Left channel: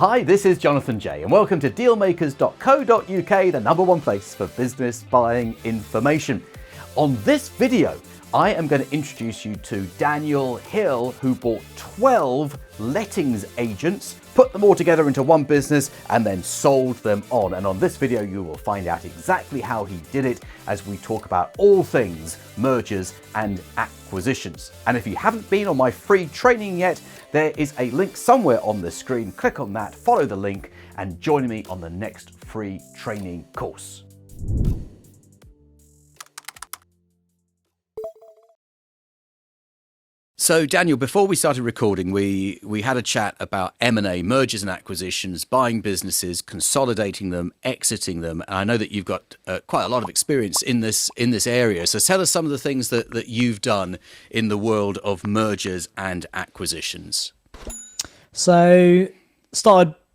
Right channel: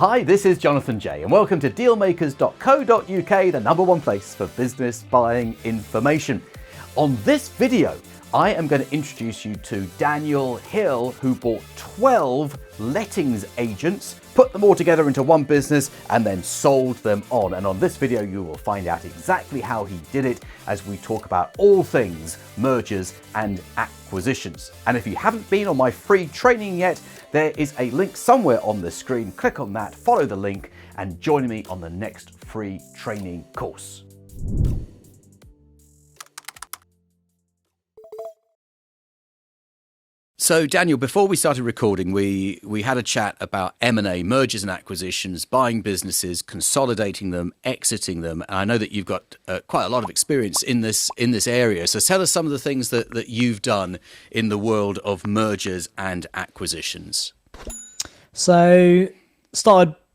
Hi, this is Jonathan J, and welcome to dealmakers.co.uk, the number one place for business buying information. On this video, I am going to introduce you to Daniel Hill, who bought 12 lettings agents, put them all together into one business, and then sold them on. And on this video, you will find out exactly how he did it as we talk about all things mergers and acquisitions. And if you haven't been on my free training yet, there is a link somewhere on the screen. Click on that, follow the link, and join me on the next free training course. So Daniel, before we started recording, we had a chat about M&A, mergers and acquisitions, buying businesses, consolidating them, exiting them. And I know that you've got quite a lot of experience in this area. So tell us some of the things that you've done in the world of mergers and acquisitions. So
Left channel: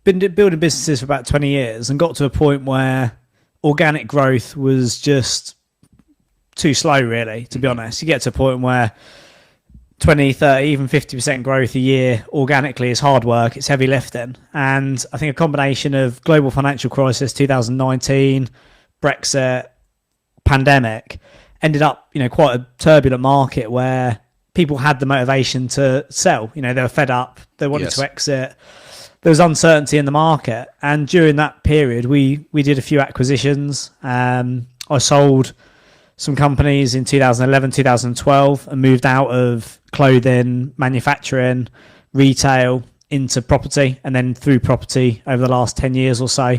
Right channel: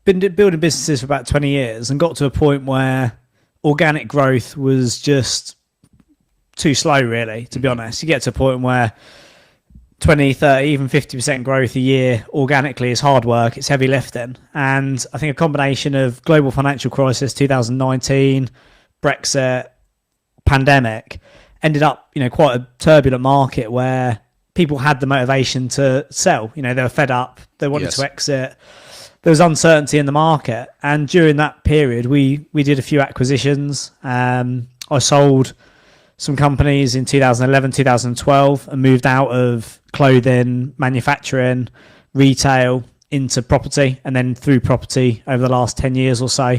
been building businesses for about 20 years and got to a point where organic growth was just too slow, really, to be honest. You get to a point where 20, 30, even 50% growth a year organically is hard work. It's heavy lifting. And I think a combination of global financial crisis, 2019, Brexit, pandemic, ended up, quite a turbulent market where people had the motivation to sell. They were fed up. They wanted to exit. There was uncertainty in the market. And during that period, we did a few acquisitions. I sold some companies in 2011, 2012 and moved out of clothing, manufacturing, retail into property. And then through property over the last 10 years or so,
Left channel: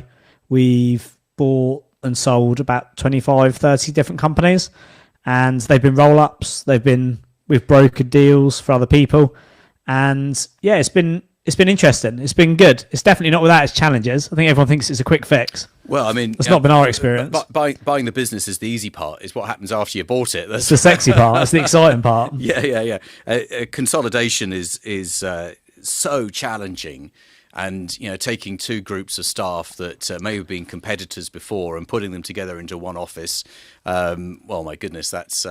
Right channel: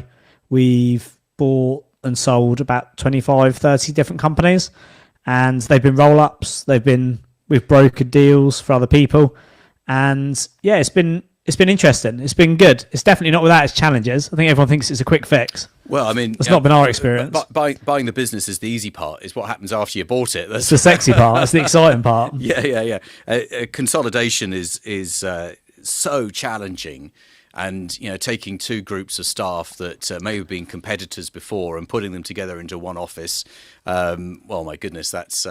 we've bought and sold about 25, 30 different companies. And they've been roll-ups. We've brokered deals for other people. And yeah, it's been interesting. It's been good. It's definitely not without its challenges. I think everyone thinks it's a quick fix. Well, I mean, it's not been our experience. Buying the business is the easy part. It's what happens after you bought it. That's the sexy part. That's the exciting part. Yeah. Consolidation is so challenging. And, taking two groups of staff that may have been competitors before and putting them together into one office. Well, my goodness, that's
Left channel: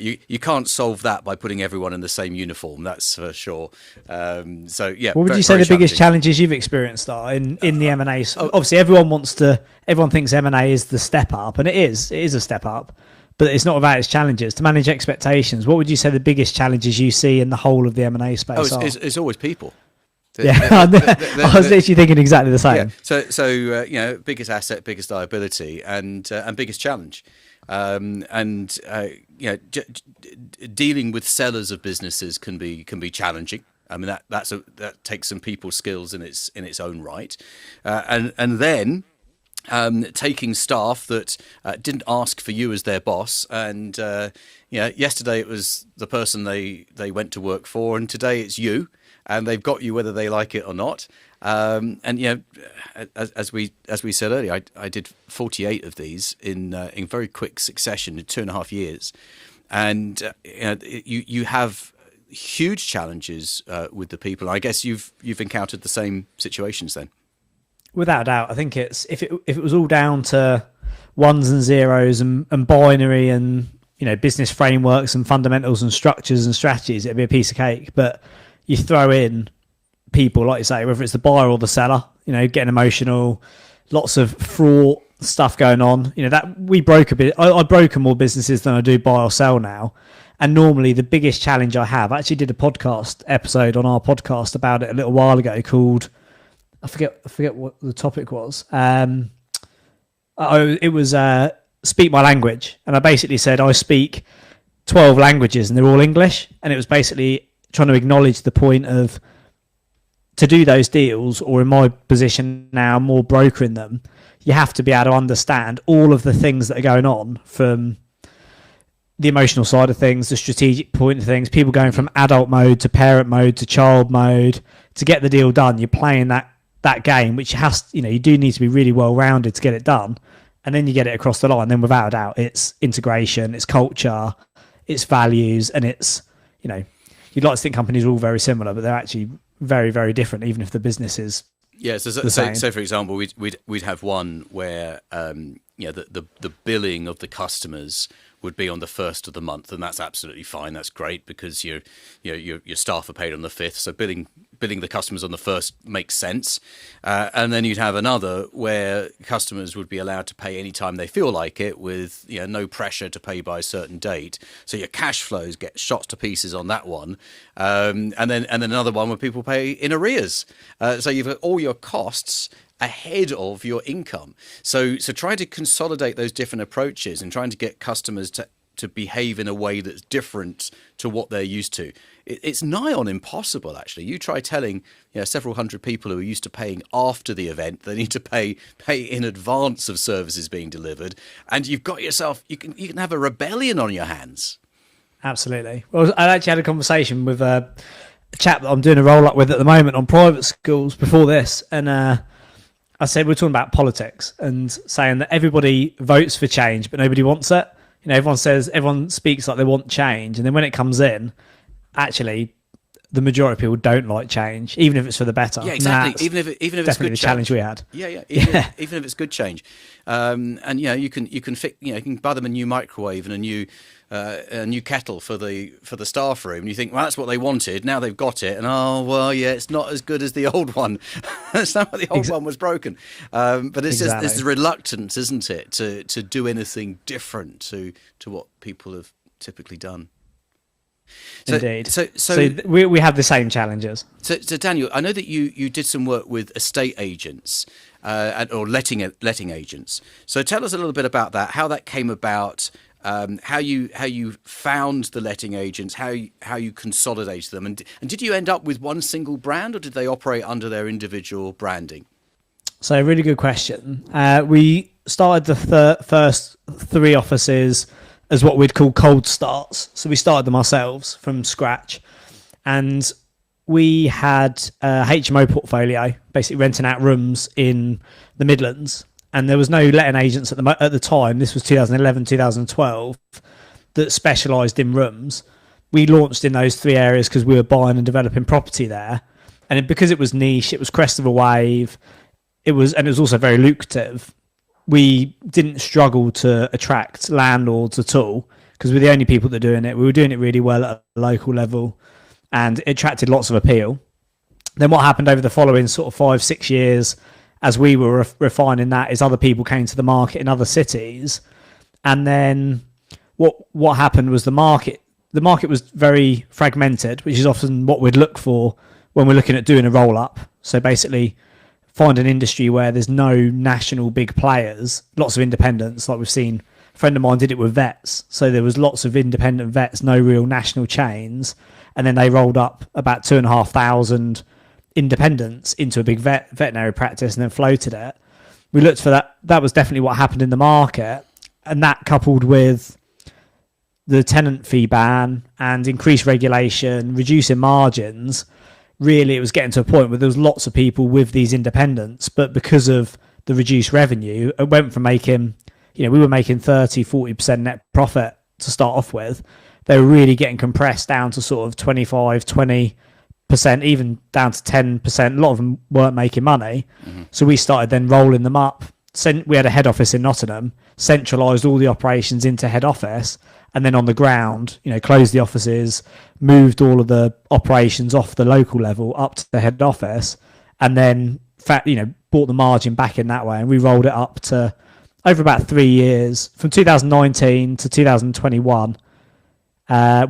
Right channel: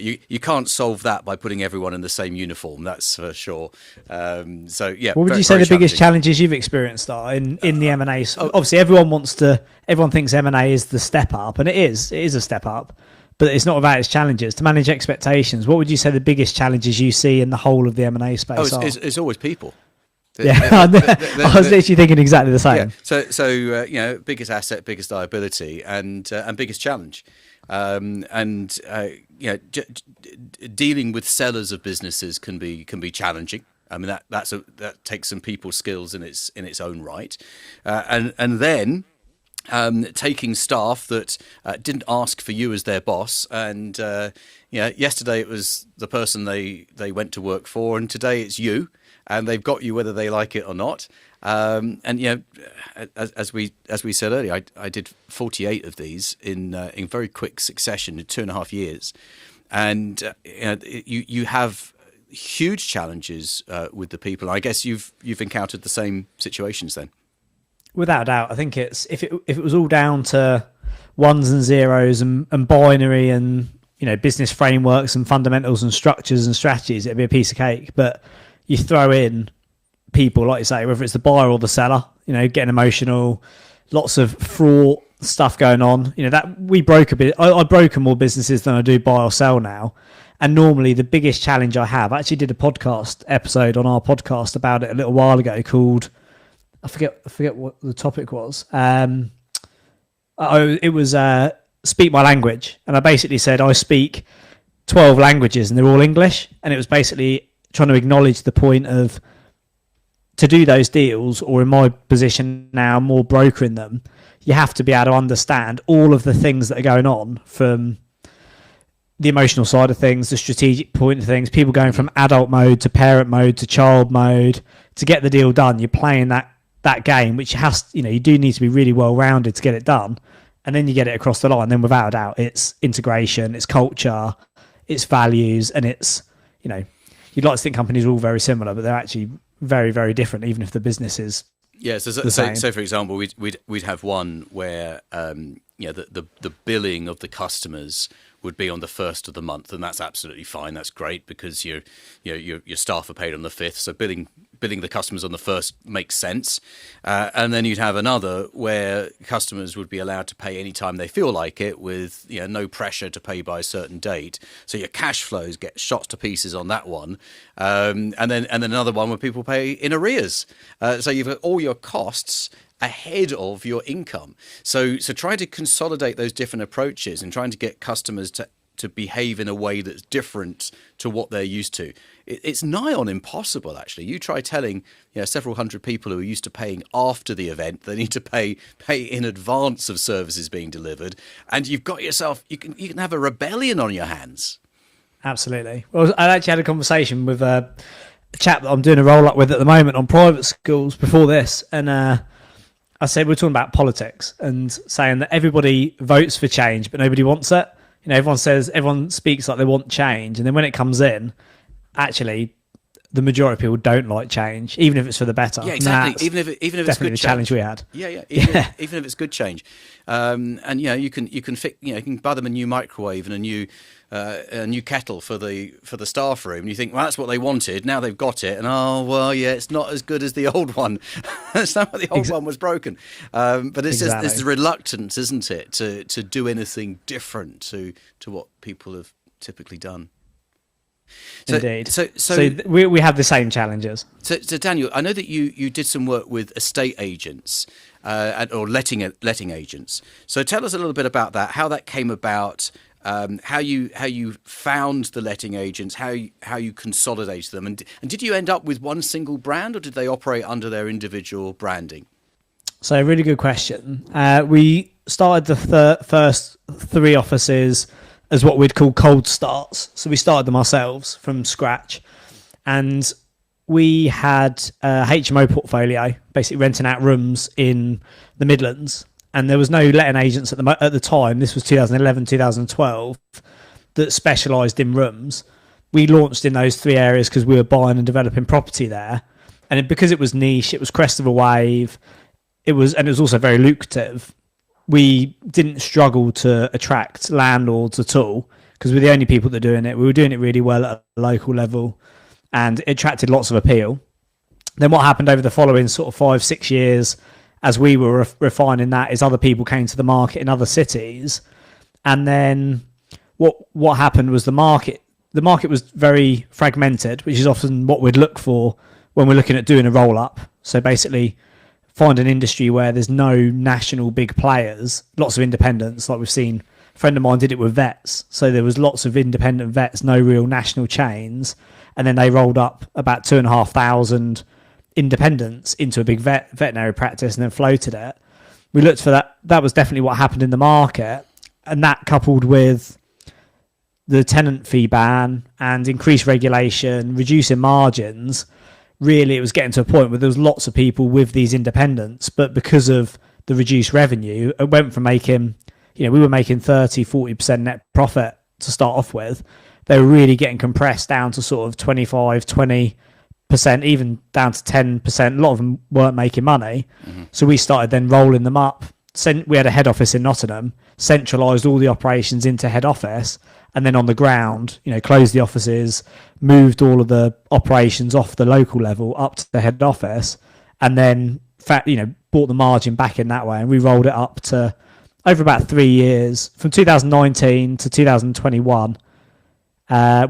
you can't solve that by putting everyone in the same uniform. That's for sure. So, yeah. What would you say the biggest challenges you've experienced are in the M&A? Obviously, everyone thinks M&A is the step up, and it is a step up. But it's not without its challenges. To manage expectations, what would you say the biggest challenges you see in the whole of the M&A space are? It's always people. Yeah, I was literally thinking exactly the same. Yeah. So biggest asset, biggest liability, and biggest challenge, dealing with sellers of businesses can be challenging. I mean that takes some people skills in its own right, and then taking staff that didn't ask for you as their boss, and yesterday it was the person they went to work for, and today it's you. And they've got you whether they like it or not. As we said earlier, I did 48 of these in very quick succession in 2.5 years, and you have huge challenges with the people. I guess you've encountered the same situations then. Without a doubt, I think if it was all down to ones and zeros and binary and business frameworks and fundamentals and structures and strategies, it'd be a piece of cake. But you throw in people, like you say, whether it's the buyer or the seller, getting emotional, lots of fraught stuff going on. That we broke a bit. I broker more businesses than I do buy or sell now. And normally the biggest challenge I have, I actually did a podcast episode on our podcast about it a little while ago called, I forget what the topic was. It was speak my language. And I basically said I speak 12 languages and they're all English. And it was basically trying to acknowledge the point of, to do those deals, or in my position now, more brokering them, you have to be able to understand all of the things that are going on, from the emotional side of things, the strategic point of things, people going from adult mode to parent mode to child mode to get the deal done. You're playing that game, which you do need to be really well rounded to get it done, and then you get it across the line. Then without a doubt, it's integration, it's culture, it's values, and it's you'd like to think companies are all very similar, but they're actually very, very different, even if the business is so for example, we'd have one where the billing of the customers would be on the 1st of the month, and that's absolutely fine. That's great because your staff are paid on the 5th, so billing billing the customers on the first makes sense, and then you'd have another where customers would be allowed to pay anytime they feel like it, with no pressure to pay by a certain date. So your cash flows get shot to pieces on that one, and then another one where people pay in arrears. So you've got all your costs ahead of your income. So trying to consolidate those different approaches and trying to get customers to behave in a way that's different to what they're used to. It's nigh on impossible, actually. You try telling several hundred people who are used to paying after the event, they need to pay in advance of services being delivered, and you've got yourself, you can have a rebellion on your hands. Absolutely. Well, I actually had a conversation with a chap that I'm doing a roll-up with at the moment on private schools before this, and I said we're talking about politics and saying that everybody votes for change, but nobody wants it. Everyone speaks like they want change, and then when it comes in, actually, the majority of people don't like change, even if it's for the better. Yeah, exactly. Even if it's good the challenge we had. Yeah. Even if it's good change, and you can buy them a new microwave and a new kettle for the staff room. And you think, well, that's what they wanted. Now they've got it, and it's not as good as the old one. That's not what the old one was broken. But it's just this reluctance, isn't it, to do anything different to what people have typically done. Indeed. So we have the same challenges. So Daniel, I know that you did some work with estate agents or letting agents. So tell us a little bit about that, how that came about, how you found the letting agents, how you consolidated them, and did you end up with one single brand, or did they operate under their individual branding? So really good question. We started the first 3 offices as what we'd call cold starts. So we started them ourselves from scratch, and we had a HMO portfolio, basically renting out rooms in the Midlands, and there was no letting agents at the time. This was 2011, 2012, that specialised in rooms. We launched in those 3 areas because we were buying and developing property there, and because it was niche, it was crest of a wave. It was also very lucrative. We didn't struggle to attract landlords at all because we're the only people that are doing it. We were doing it really well at a local level, and it attracted lots of appeal. Then what happened over the following sort of 5-6 years as we were refining that is other people came to the market in other cities. And then what happened was the market was very fragmented, which is often what we'd look for when we're looking at doing a roll-up. So basically find an industry where there's no national big players, lots of independents, like we've seen. A friend of mine did it with vets. So there was lots of independent vets, no real national chains. And then they rolled up about 2,500 independents into a big veterinary practice and then floated it. We looked for that. That was definitely what happened in the market. And that coupled with the tenant fee ban and increased regulation, reducing margins, really it was getting to a point where there was lots of people with these independents, but because of the reduced revenue, it went from making, we were making 30-40% net profit to start off with. They were really getting compressed down to sort of 25-20%, even down to 10%. A lot of them weren't making money. So we started then rolling them up. We had a head office in Nottingham, centralised all the operations into head office, and then on the ground, closed the offices, moved all of the operations off the local level up to the head office, and then brought the margin back in that way. And we rolled it up to over about 3 years, from 2019 to 2021.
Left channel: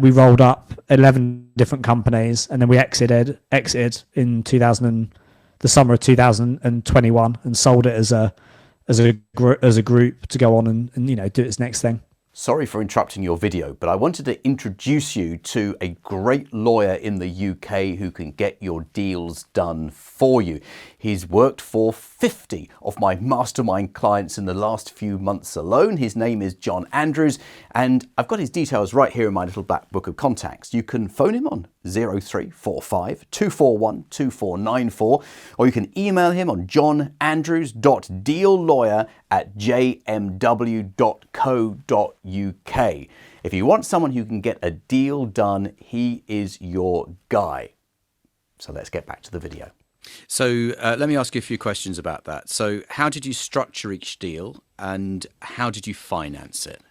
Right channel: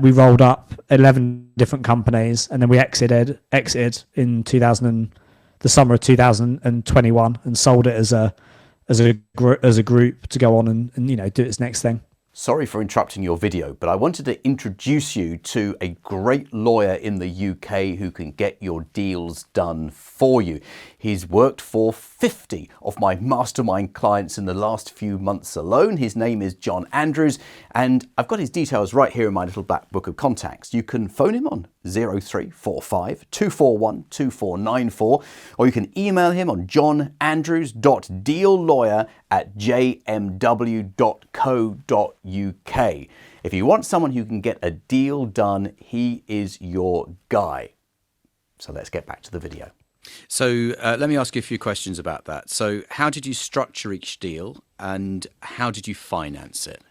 We rolled up 11 different companies, and then we exited in the summer of 2021, and sold it as a group to go on and do its next thing. Sorry for interrupting your video, but I wanted to introduce you to a great lawyer in the UK who can get your deals done for you. He's worked for 50 of my mastermind clients in the last few months alone. His name is John Andrews, and I've got his details right here in my little black book of contacts. You can phone him on 0345 241 2494, or you can email him on johnandrews.deallawyer@jmw.co.uk. If you want someone who can get a deal done, he is your guy. So let's get back to the video. So let me ask you a few questions about that. So how did you structure each deal, and how did you finance it?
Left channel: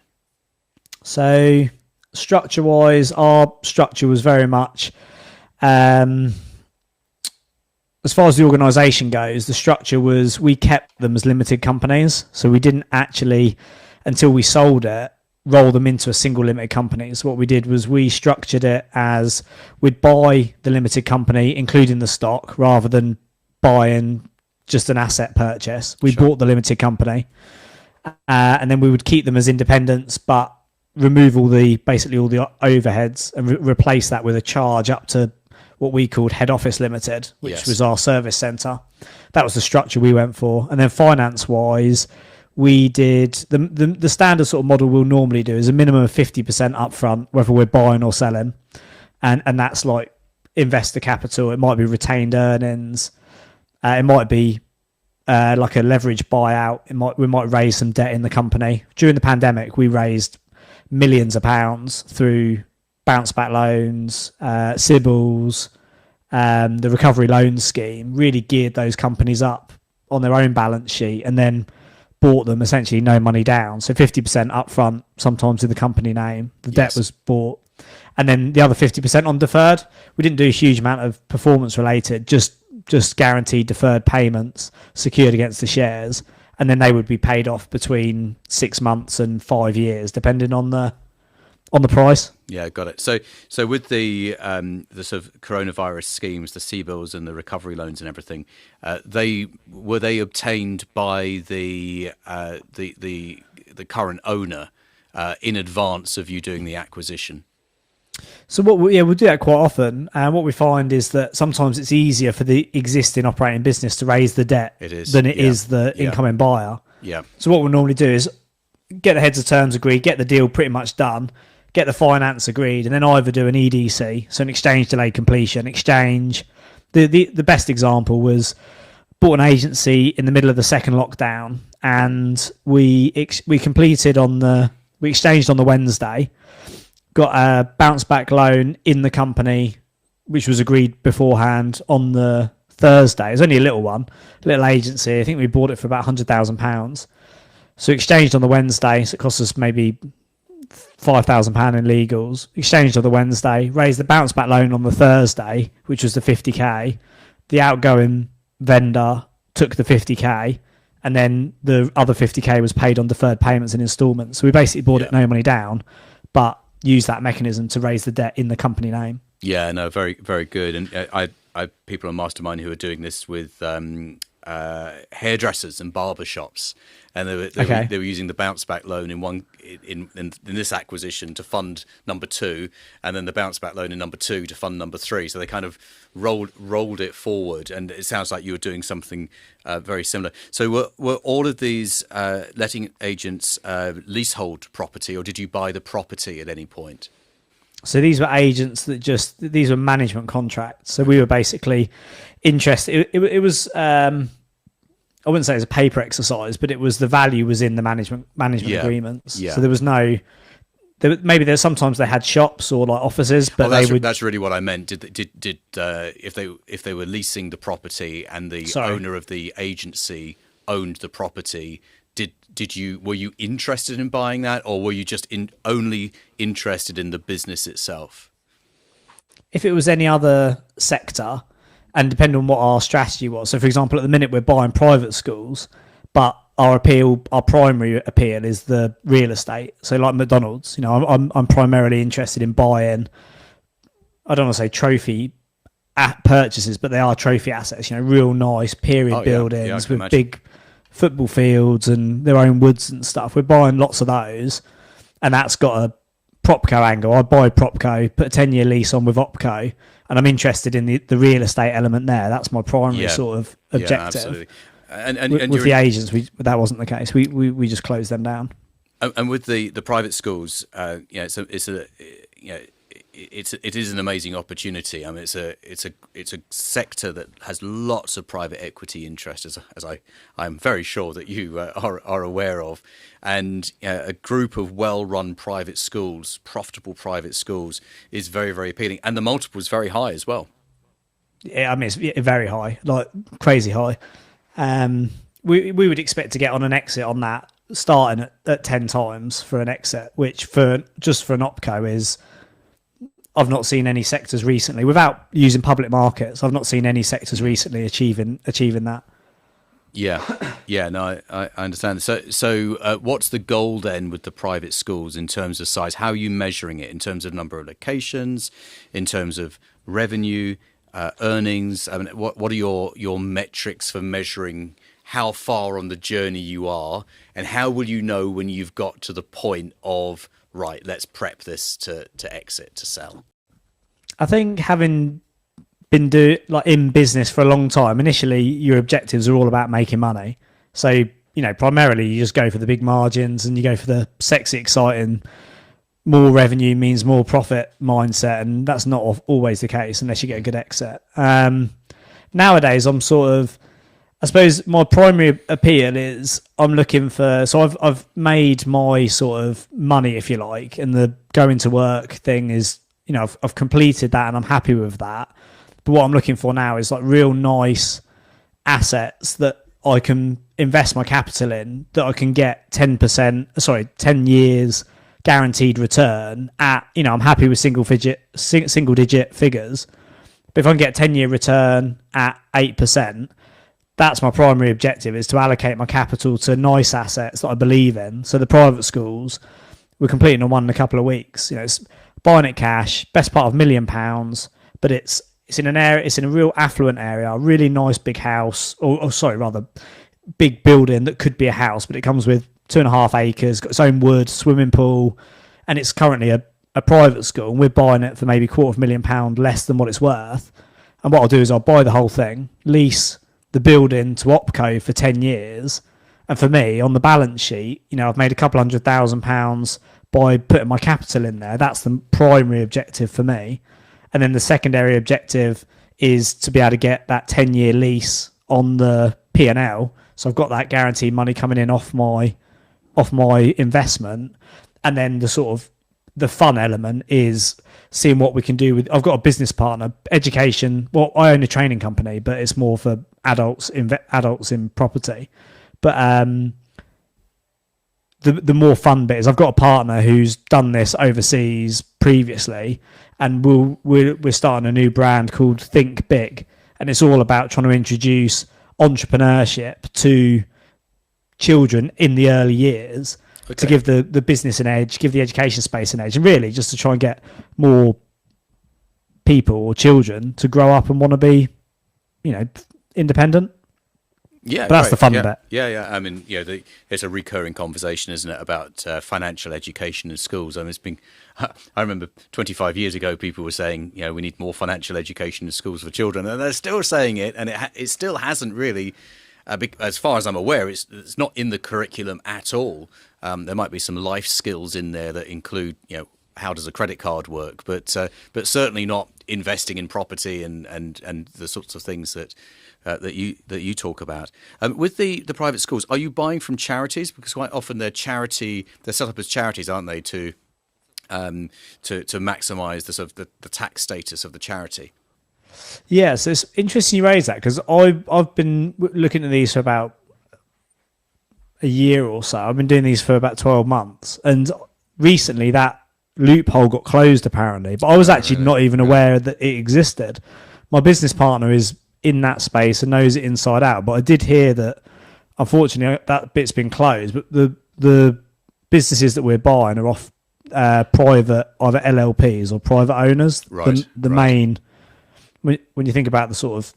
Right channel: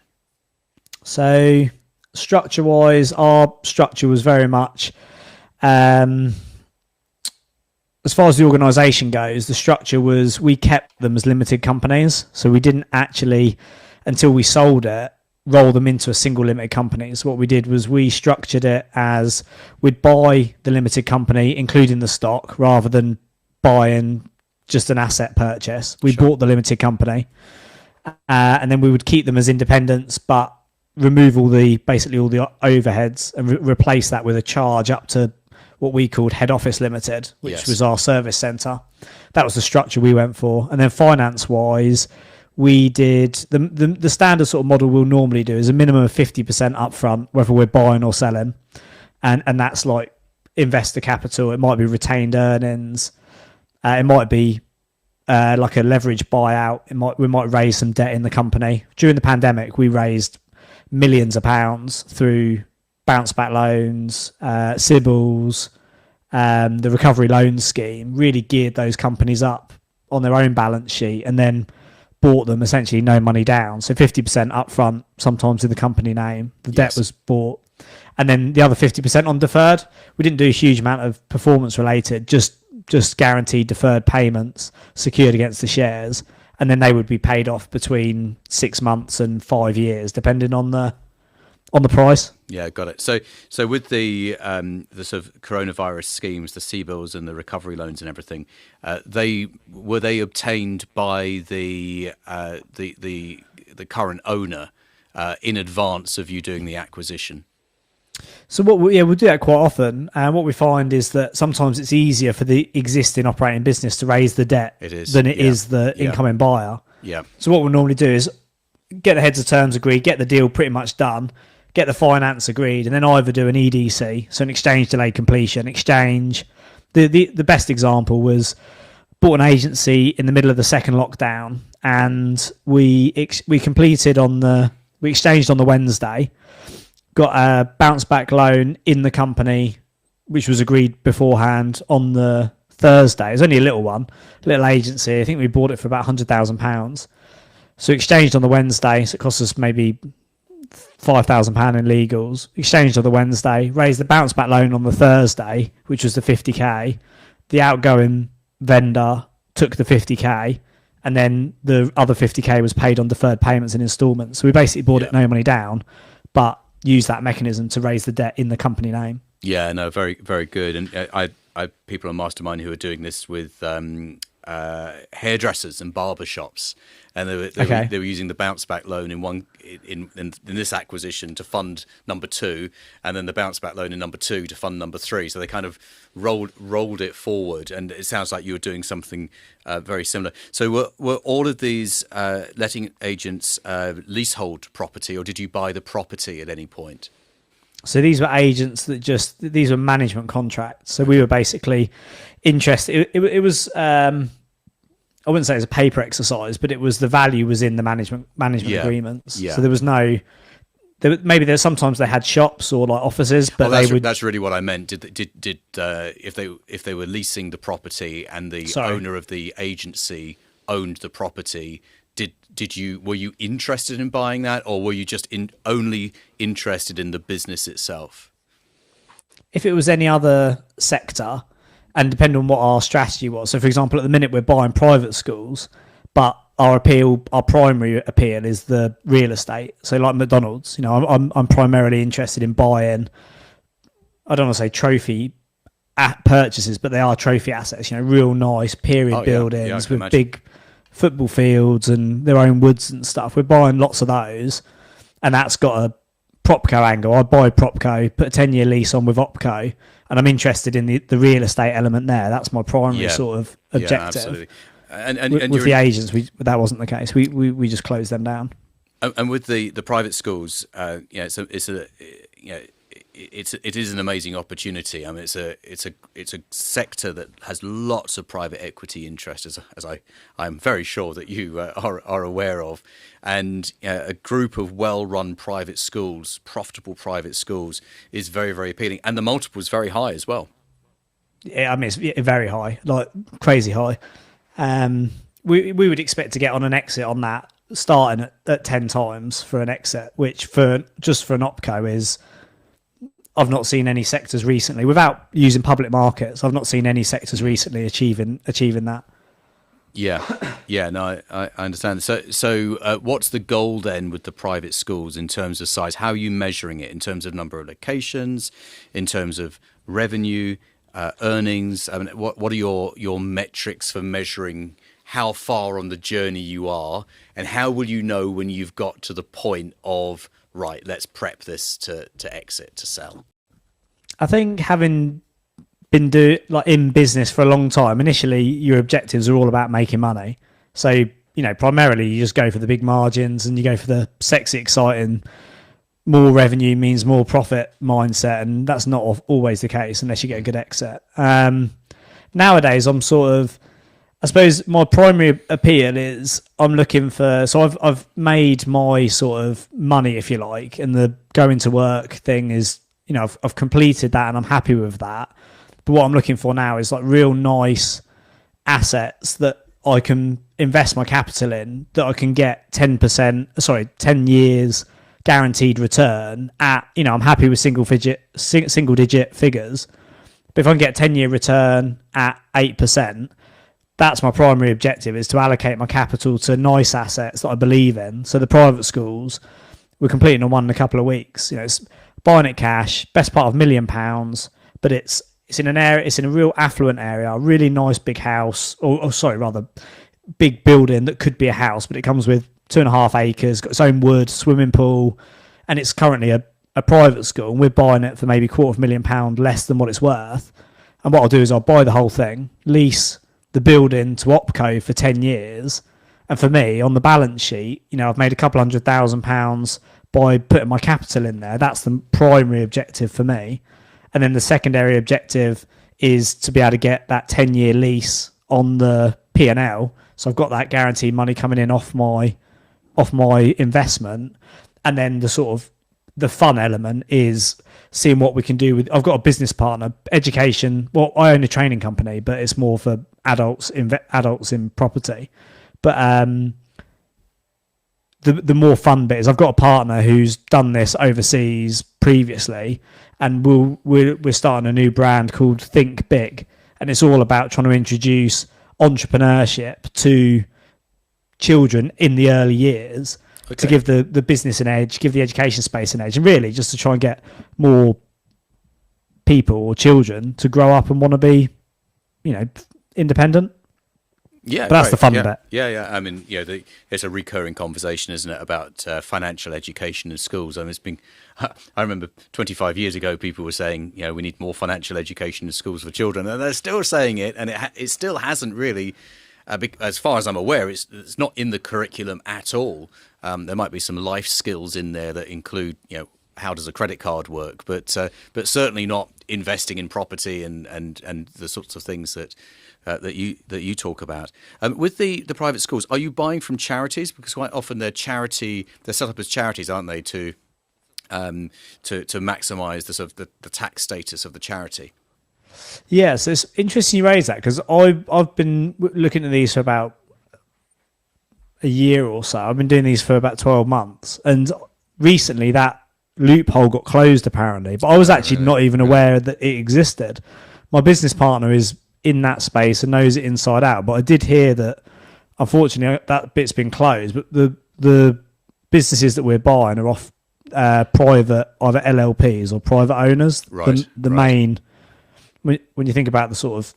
So structure-wise, our structure was very much as far as the organisation goes, the structure was we kept them as limited companies. So we didn't actually, until we sold it, roll them into a single limited company. So what we did was we structured it as we'd buy the limited company, including the stock, rather than buying just an asset purchase. We bought the limited company, and then we would keep them as independents, but remove basically all the overheads and replace that with a charge up to what we called head office limited, which was our service centre. That was the structure we went for. And then finance wise, we did the standard sort of model we'll normally do is a minimum of 50% upfront, whether we're buying or selling. And that's like investor capital. It might be retained earnings. It might be like a leverage buyout. We might raise some debt in the company. During the pandemic, we raised millions of pounds through bounce back loans, Sybil's, the recovery loan scheme, really geared those companies up on their own balance sheet and then bought them essentially no money down. So 50% upfront, sometimes in the company name. The debt was bought. And then the other 50% on deferred. We didn't do a huge amount of performance related, just guaranteed deferred payments secured against the shares. And then they would be paid off between 6 months and 5 years, depending on the price. Yeah, got it. So with the sort of coronavirus schemes, the CBILS and the recovery loans and everything, they obtained by the current owner in advance of you doing the acquisition? So we'll do that quite often, and what we find is that sometimes it's easier for the existing operating business to raise the debt than it is the incoming buyer. Yeah. So what we'll normally do is get the heads of terms agreed, get the deal pretty much done, get the finance agreed, and then either do an EDC, so an exchange delayed completion. Exchange. The best example was bought an agency in the middle of the second lockdown, and we exchanged on the Wednesday. Got a bounce back loan in the company, which was agreed beforehand on the Thursday. It was only a little agency. I think we bought it for about £100,000. So exchanged on the Wednesday. So it cost us maybe £5,000 in legals. Exchanged on the Wednesday. Raised the bounce back loan on the Thursday, which was the 50k. The outgoing vendor took the 50k, and then the other 50k was paid on deferred payments and instalments. So we basically bought it no money down, but use that mechanism to raise the debt in the company name. Yeah, no, very, very good. And I people on Mastermind who are doing this with hairdressers and barber shops, and they were using the bounce back loan in this acquisition to fund number 2, and then the bounce back loan in number 2 to fund number 3. So they kind of rolled it forward, and it sounds like you were doing something very similar. So were all of these letting agents leasehold property, or did you buy the property at any point? So these were agents these were management contracts. So we were basically interested. It was I wouldn't say it was a paper exercise, but the value was in the management agreements. Yeah. So there was maybe there's sometimes they had shops or like offices, but that's really what I meant. Did if they were leasing the property and the owner of the agency owned the property, were you interested in buying that, or were you just only interested in the business itself? If it was any other sector, and depending on what our strategy was. So, for example, at the minute we're buying private schools, but our primary appeal is the real estate. So, like McDonald's, I'm primarily interested in buying. I don't want to say trophy purchases, but they are trophy assets. Real nice period buildings with big football fields and their own woods and stuff. We're buying lots of those, and that's got a Propco angle. I'd buy Propco, put a 10-year lease on with Opco, and I'm interested in the real estate element there. That's my primary sort of objective. And with the agents, that wasn't the case. We just closed them down. And with the private schools, it is an amazing opportunity. I mean, it's a sector that has lots of private equity interest, as I'm very sure that you are aware of, and a group of well-run private schools, profitable private schools, is very, very appealing, and the multiple is very high as well. Yeah, I mean, it's very high, like crazy high. We would expect to get on an exit on that starting at 10 times for an exit, which for an Opco is, I've not seen any sectors recently, without using public markets, I've not seen any sectors recently achieving that. Yeah, no, I understand. So what's the goal then with the private schools in terms of size? How are you measuring it in terms of number of locations, in terms of revenue, earnings? I mean, what are your metrics for measuring how far on the journey you are, and how will you know when you've got to the point of, right, let's prep this to exit, to sell? I think having been in business for a long time, initially your objectives are all about making money. So, primarily you just go for the big margins and you go for the sexy, exciting, more revenue means more profit mindset. And that's not always the case unless you get a good exit. Nowadays, I suppose my primary appeal is I'm looking for, so I've made my sort of money, if you like, and the going to work thing is, I've completed that and I'm happy with that. But what I'm looking for now is like real nice assets that I can invest my capital in, that I can get 10 years guaranteed return at, I'm happy with single digit figures. But if I can get a 10-year return at 8%, that's my primary objective, is to allocate my capital to nice assets that I believe in. So the private schools, we're completing on one in a couple of weeks. It's buying it cash, best part of £1 million, but it's in an area, it's in a real affluent area, a really nice big house, big building that could be a house, but it comes with 2.5 acres, got its own wood, swimming pool, and it's currently a private school, and we're buying it for maybe £250,000 less than what it's worth. And what I'll do is I'll buy the whole thing, lease the building to Opco for 10 years, and for me, on the balance sheet, I've made a couple £100,000 by putting my capital in there. That's the primary objective for me. And then the secondary objective is to be able to get that 10-year lease on the P&L. So I've got that guaranteed money coming in off my investment. And then the fun element is seeing what we can do with, I've got a business partner, education. Well, I own a training company, but it's more for adults in property. But the more fun bit is I've got a partner who's done this overseas previously, and we're starting a new brand called Think Big, and it's all about trying to introduce entrepreneurship to children in the early years, to give the business an edge, give the education space an edge, and really just to try and get more people or children to grow up and want to be, independent. Yeah, but that's the fun bit. Yeah. I mean, it's a recurring conversation, isn't it, about financial education in schools? I mean, I remember 25 years ago, people were saying, we need more financial education in schools for children, and they're still saying it, and it still hasn't really, as far as I'm aware, it's not in the curriculum at all. There might be some life skills in there that include, how does a credit card work, but certainly not investing in property and the sorts of things that you talk about. With the private schools, are you buying from charities? Because quite often they're set up as charities, aren't they, to maximise the sort of the tax status of the charity? Yes, it's interesting you raise that, because I've been looking at these for about a year or so. I've been doing these for about 12 months, and recently that loophole got closed apparently, but I was actually not even aware that it existed. My business partner is in that space and knows it inside out, but I did hear that unfortunately that bit's been closed. But the businesses that we're buying are off private, either LLPs or private owners. The main, when you think about the sort of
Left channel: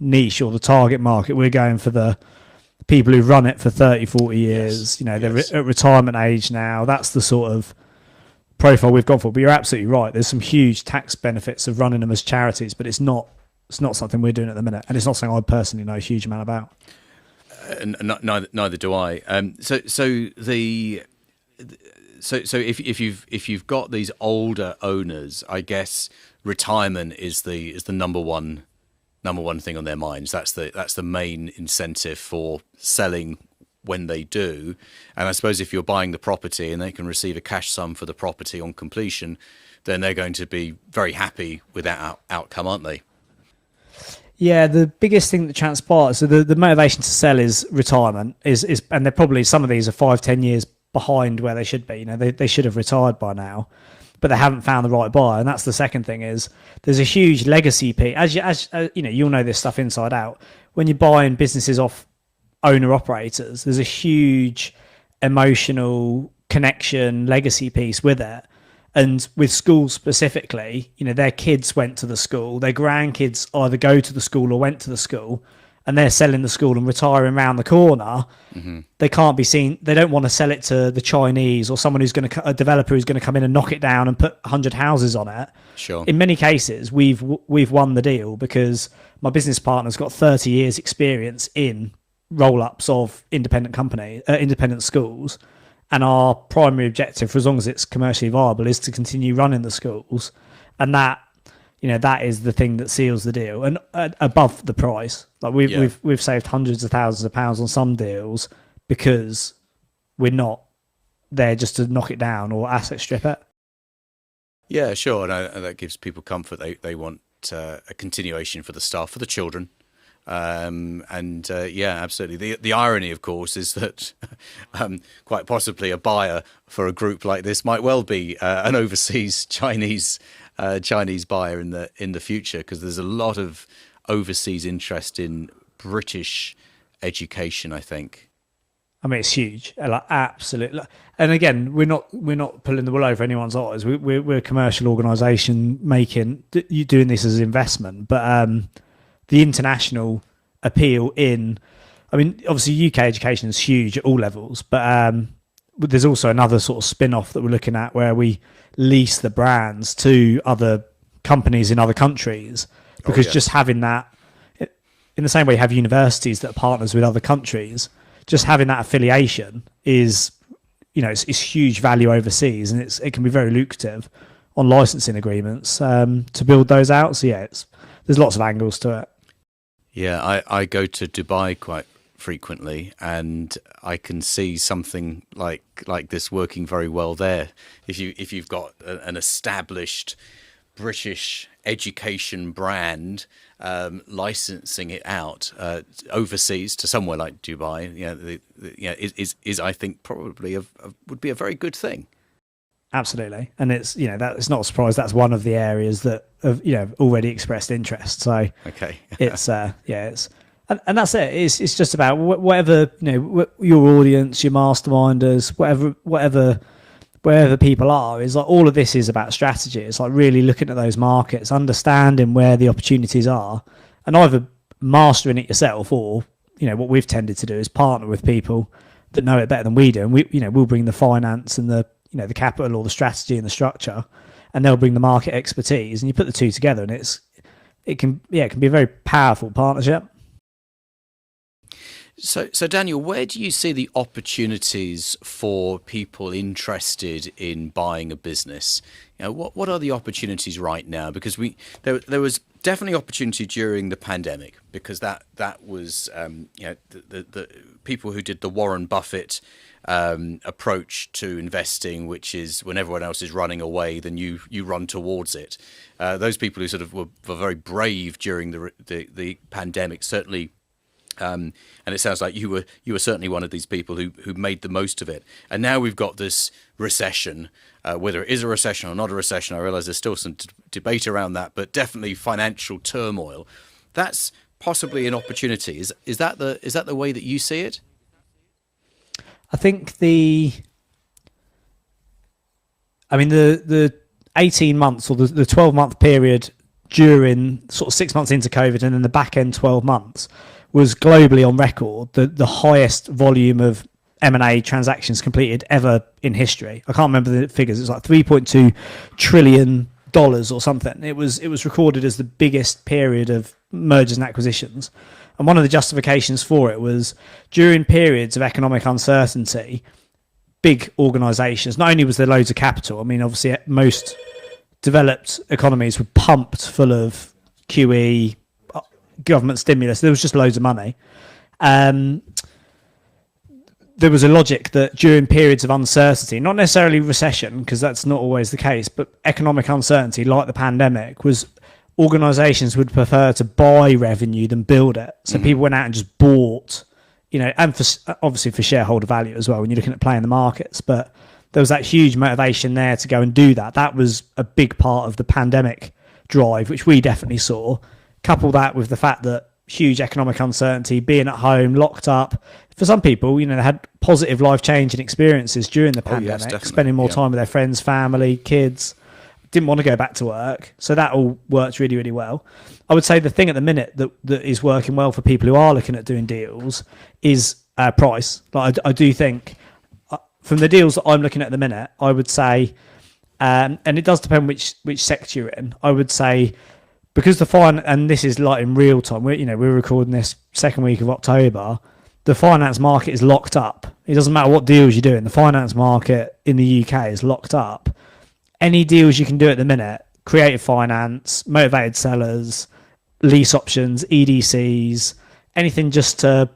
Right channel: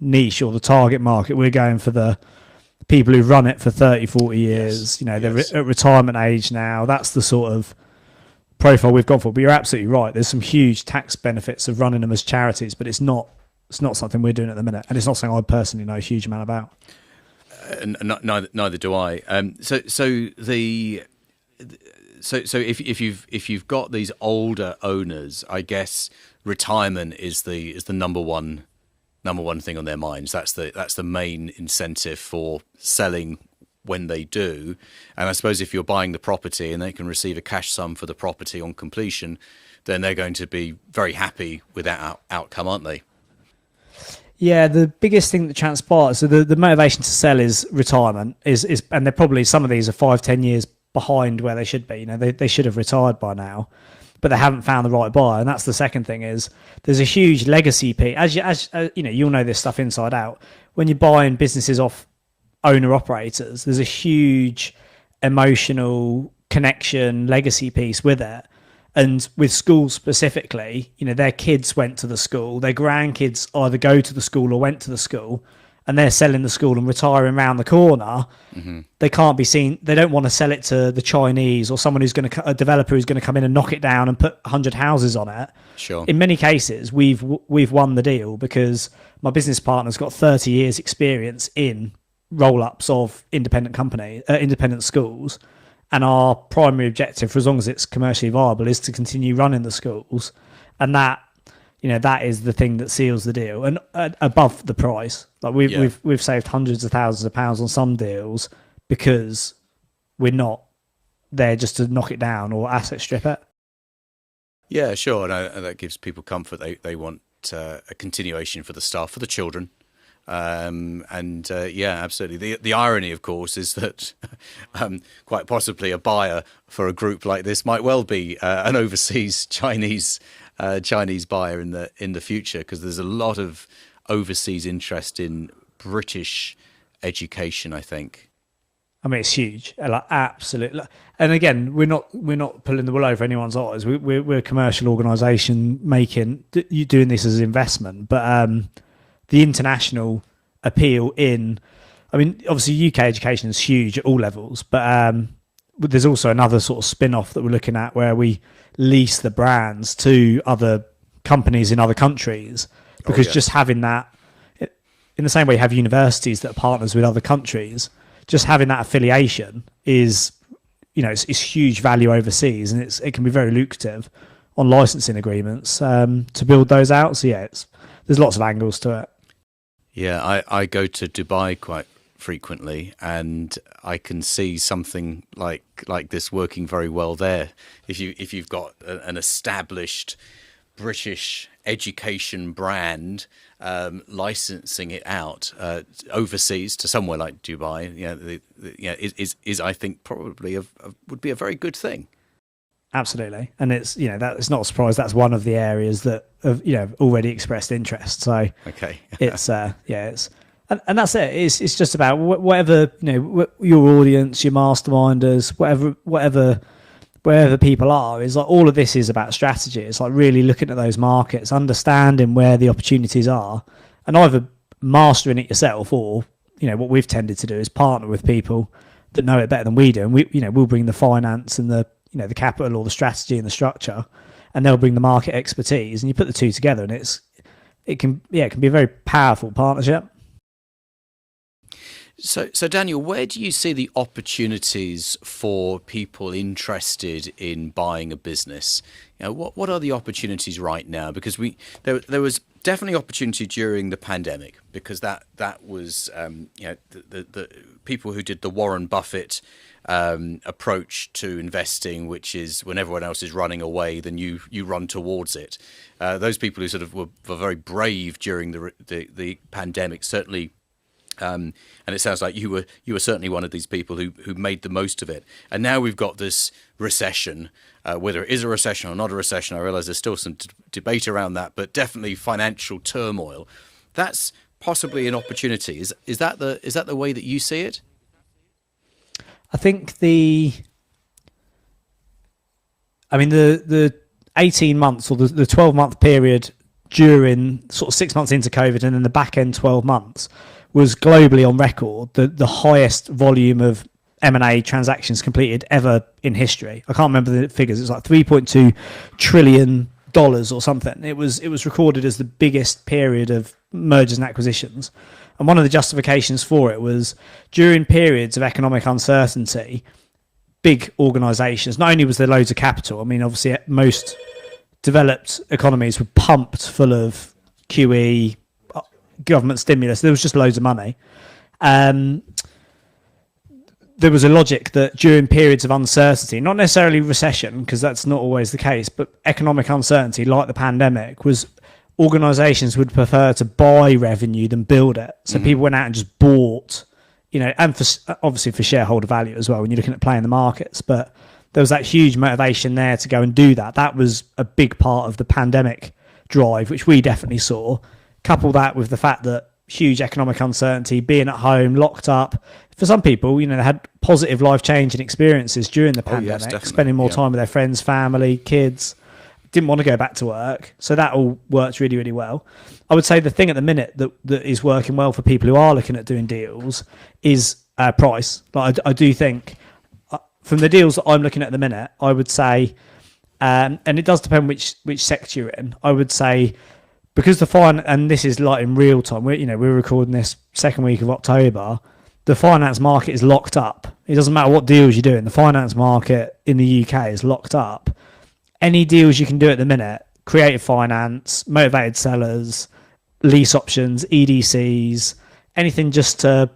niche or the target market, we're going for the people who run it for 30-40 years. They're at retirement age now. That's the sort of profile we've gone for. But you're absolutely right, there's some huge tax benefits of running them as charities, but it's not something we're doing at the minute, and it's not something I personally know a huge amount about. And neither do I. So if you've got these older owners, I guess retirement is the number one thing on their minds. That's the main incentive for selling when they do. And I suppose if you're buying the property and they can receive a cash sum for the property on completion, then they're going to be very happy with that outcome, aren't they? Yeah, the biggest thing that transpires, so the motivation to sell is retirement, is and they're probably, some of these are 5-10 years behind where they should be. They should have retired by now. but they haven't found the right buyer. And that's the second thing, is there's a huge legacy piece. As you know, you'll know this stuff inside out. When you're buying businesses off owner operators, there's a huge emotional connection legacy piece with it. And with schools specifically, you know, their kids went to the school, their grandkids either go to the school or went to the school, and they're selling the school and retiring around the corner. They can't be seen. They don't want to sell it to the Chinese or someone a developer who's going to come in and knock it down and put 100 houses on it. Sure. In many cases, we've won the deal because my business partner's got 30 years experience in roll-ups of independent schools. And our primary objective, for as long as it's commercially viable, is to continue running the schools. And that, you know, that is the thing that seals the deal, and above the price. Like we've saved hundreds of thousands of pounds on some deals because we're not there just to knock it down or asset strip it. Yeah, sure, and that gives people comfort. They want a continuation for the staff, for the children. Yeah, absolutely. The irony, of course, is that quite possibly a buyer for a group like this might well be an overseas Chinese buyer in the future, because there's a lot of overseas interest in British education, I think. I mean, it's huge, like, absolutely. And again, we're not pulling the wool over anyone's eyes. We're a commercial organisation doing this as an investment, but the international appeal obviously UK education is huge at all levels, but there's also another sort of spin-off that we're looking at where we lease the brands to other companies in other countries, because just having that, in the same way you have universities that are partners with other countries, just having that affiliation is, you know, it's huge value overseas, and it can be very lucrative on licensing agreements to build those out. So yeah, there's lots of angles to it. Yeah, I go to Dubai quite frequently, and I can see something like this working very well there. If you've got an established British education brand, licensing it out overseas to somewhere like Dubai, is I think probably would be a very good thing. Absolutely, and it's, you know, that it's not a surprise. That's one of the areas that have, you know, already expressed interest. So okay, it's and that's it. It's just about whatever, you know, your audience, your masterminders, wherever people are. Is like, all of this is about strategy. It's like really looking at those markets, understanding where the opportunities are, and either mastering it yourself, or, you know, what we've tended to do is partner with people that know it better than we do, and we'll bring the finance and the capital or the strategy and the structure, and they'll bring the market expertise, and you put the two together, and it can be a very powerful partnership. So Daniel, where do you see the opportunities for people interested in buying a business? You know, what are the opportunities right now? Because there was definitely opportunity during the pandemic, because that was the people who did the Warren Buffett approach to investing, which is when everyone else is running away, then you run towards it. Those people who sort of were very brave during the pandemic, certainly. And it sounds like you were certainly one of these people who made the most of it. And now we've got this recession, whether it is a recession or not a recession. I realize there's still some debate around that, but definitely financial turmoil. That's possibly an opportunity. Is that the way that you see it? I think the 18 months or the 12-month period during sort of 6 months into COVID, and then the back end 12 months was globally on record the highest volume of M&A transactions completed ever in history. I can't remember the figures. It was like $3.2 trillion or something. It was recorded as the biggest period of mergers and acquisitions. And one of the justifications for it was during periods of economic uncertainty, big organisations, not only was there loads of capital, I mean, obviously most developed economies were pumped full of QE, government stimulus. There was just loads of money. There was a logic that during periods of uncertainty, not necessarily recession, because that's not always the case, but economic uncertainty like the pandemic, was organisations would prefer to buy revenue than build it. So people went out and just bought, you know, and obviously for shareholder value as well when you're looking at playing the markets. But there was that huge motivation there to go and do that. That was a big part of the pandemic drive, which we definitely saw. Couple that with the fact that huge economic uncertainty, being at home, locked up. For some people, you know, they had positive life-changing experiences during the pandemic, spending more time with their friends, family, kids, didn't want to go back to work. So that all worked really, really well. I would say the thing at the minute that is working well for people who are looking at doing deals is price. Like I do think from the deals that I'm looking at the minute, I would say, and it does depend which sector you're in, I would say, because and this is like in real time, we're recording this second week of October, the finance market is locked up. It doesn't matter what deals you're doing, the finance market in the UK is locked up. Any deals you can do at the minute, creative finance, motivated sellers, lease options, EDCs, anything just to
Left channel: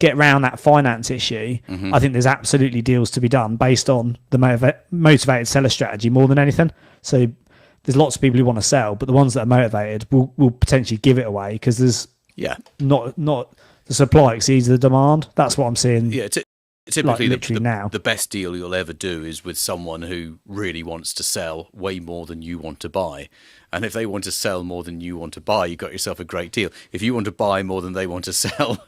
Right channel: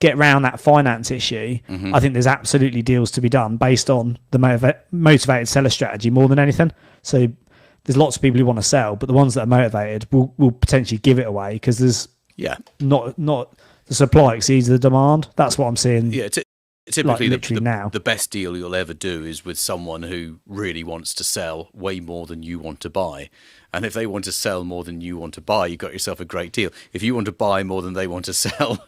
get around that finance issue, I think there's absolutely deals to be done based on the motivated seller strategy more than anything. So there's lots of people who want to sell, but the ones that are motivated will potentially give it away because there's not the supply exceeds the demand. That's what I'm seeing. Yeah, typically now. The best deal you'll ever do is with someone who really wants to sell way more than you want to buy. And if they want to sell more than you want to buy, you've got yourself a great deal. If you want to buy more than they want to sell,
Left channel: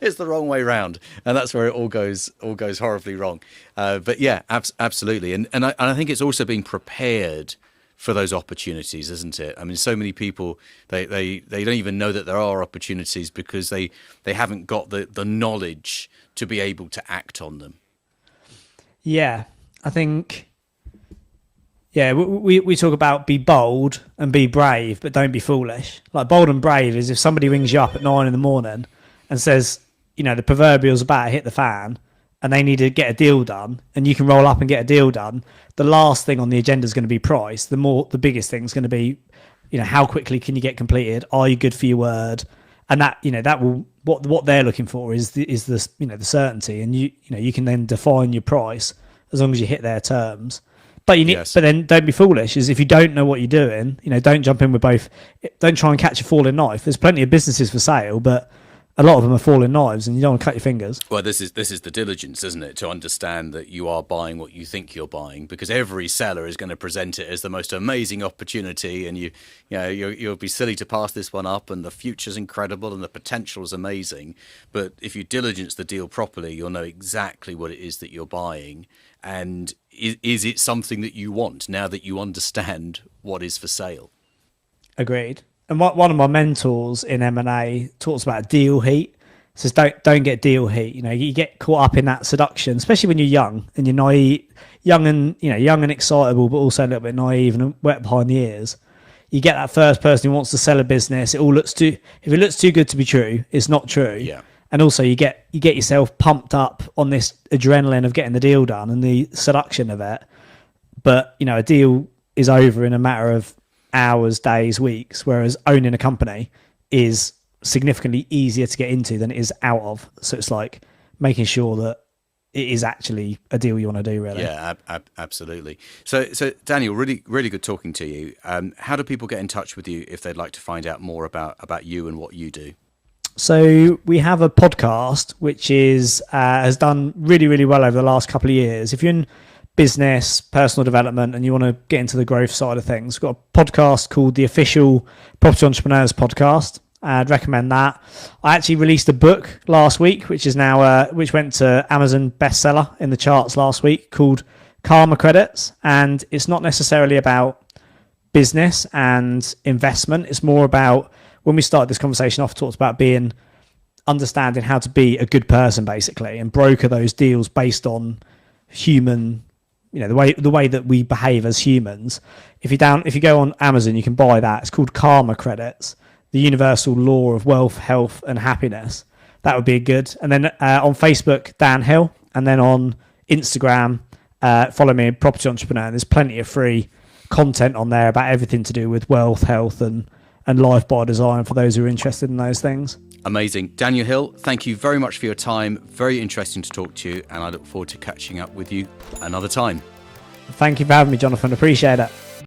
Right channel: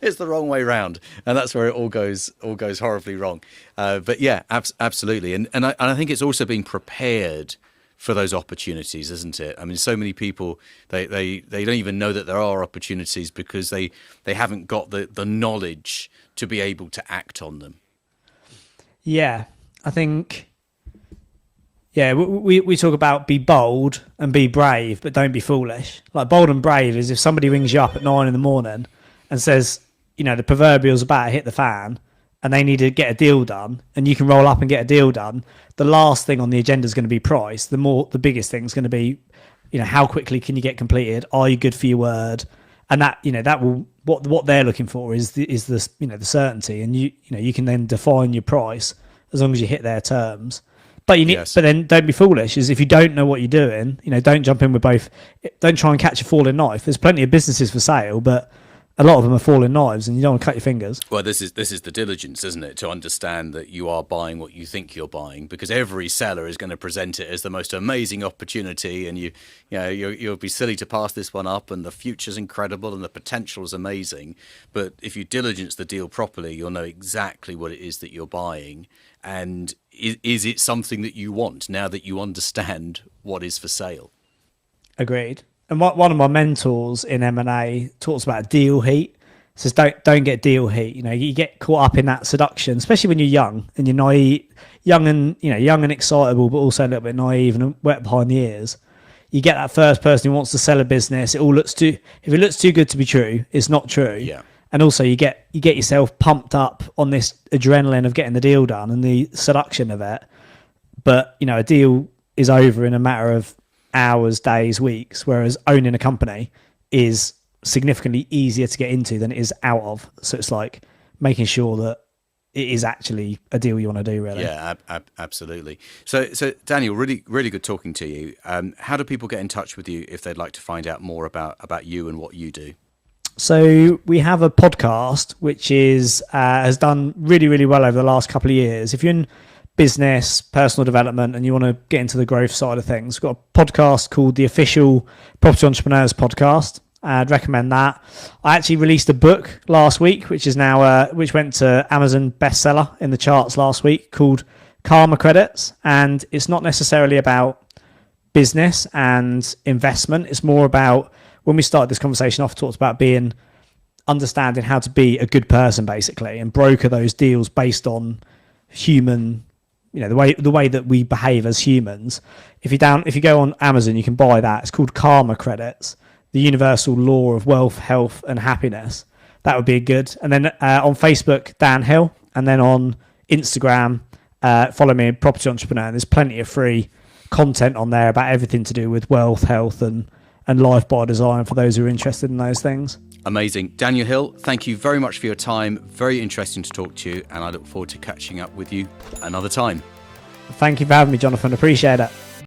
it's the wrong way round. And that's where it all goes horribly wrong. But yeah, absolutely. And I think it's also being prepared for those opportunities, isn't it? I mean, so many people, they don't even know that there are opportunities because they haven't got the knowledge to be able to act on them. Yeah, I think, we talk about be bold and be brave, but don't be foolish. Like bold and brave is if somebody rings you up at 9 a.m. and says, you know, the proverbial's about to hit the fan and they need to get a deal done and you can roll up and get a deal done. The last thing on the agenda is going to be price. The biggest thing is going to be, you know, how quickly can you get completed? Are you good for your word? And that, you know, that will, what they're looking for is this, you know, the certainty, and you know, you can then define your price as long as you hit their terms. But but then don't be foolish. Is if you don't know what you're doing, you know, don't jump in with both. Don't try and catch a falling knife. There's plenty of businesses for sale, but a lot of them are falling knives, and you don't want to cut your fingers. Well, this is the diligence, isn't it? To understand that you are buying what you think you're buying, because every seller is going to present it as the most amazing opportunity, and you'll be silly to pass this one up, and the future's incredible, and the potential is amazing. But if you diligence the deal properly, you'll know exactly what it is that you're buying, and is it something that you want now that you understand what is for sale? Agreed. And one of my mentors in M&A talks about deal heat. Says don't get deal heat. You know, you get caught up in that seduction, especially when you're young and you're naive, young and excitable, but also a little bit naive and wet behind the ears. You get that first person who wants to sell a business. If it looks too good to be true, it's not true. Yeah. And also you get yourself pumped up on this adrenaline of getting the deal done and the seduction of it. But you know, a deal is over in a matter of hours, days, weeks, whereas owning a company is significantly easier to get into than it is out of. So it's like making sure that it is actually a deal you want to do, really. Yeah, absolutely. So Daniel, really, really good talking to you. How do people get in touch with you if they'd like to find out more about you and what you do? So we have a podcast which has done really, really well over the last couple of years. If you're in business, personal development, and you want to get into the growth side of things, we've got a podcast called the Official Property Entrepreneurs Podcast. I'd recommend that. I actually released a book last week, which is now which went to Amazon bestseller in the charts last week, called Karma Credits, and it's not necessarily about business and investment. It's more about, when we started this conversation off, talked about understanding how to be a good person, basically, and broker those deals based on human, you know, the way that we behave as humans. If you go on Amazon, you can buy that. It's called Karma Credits, the universal law of wealth, health, and happiness. That would be good. And then on Facebook, Dan Hill, and then on Instagram, follow me, Property Entrepreneur. There's plenty of free content on there about everything to do with wealth, health, and life by design for those who are interested in those things. Amazing. Daniel Hill, thank you very much for your time. Very interesting to talk to you, and I look forward to catching up with you another time. Thank you for having me, Jonathan. Appreciate it.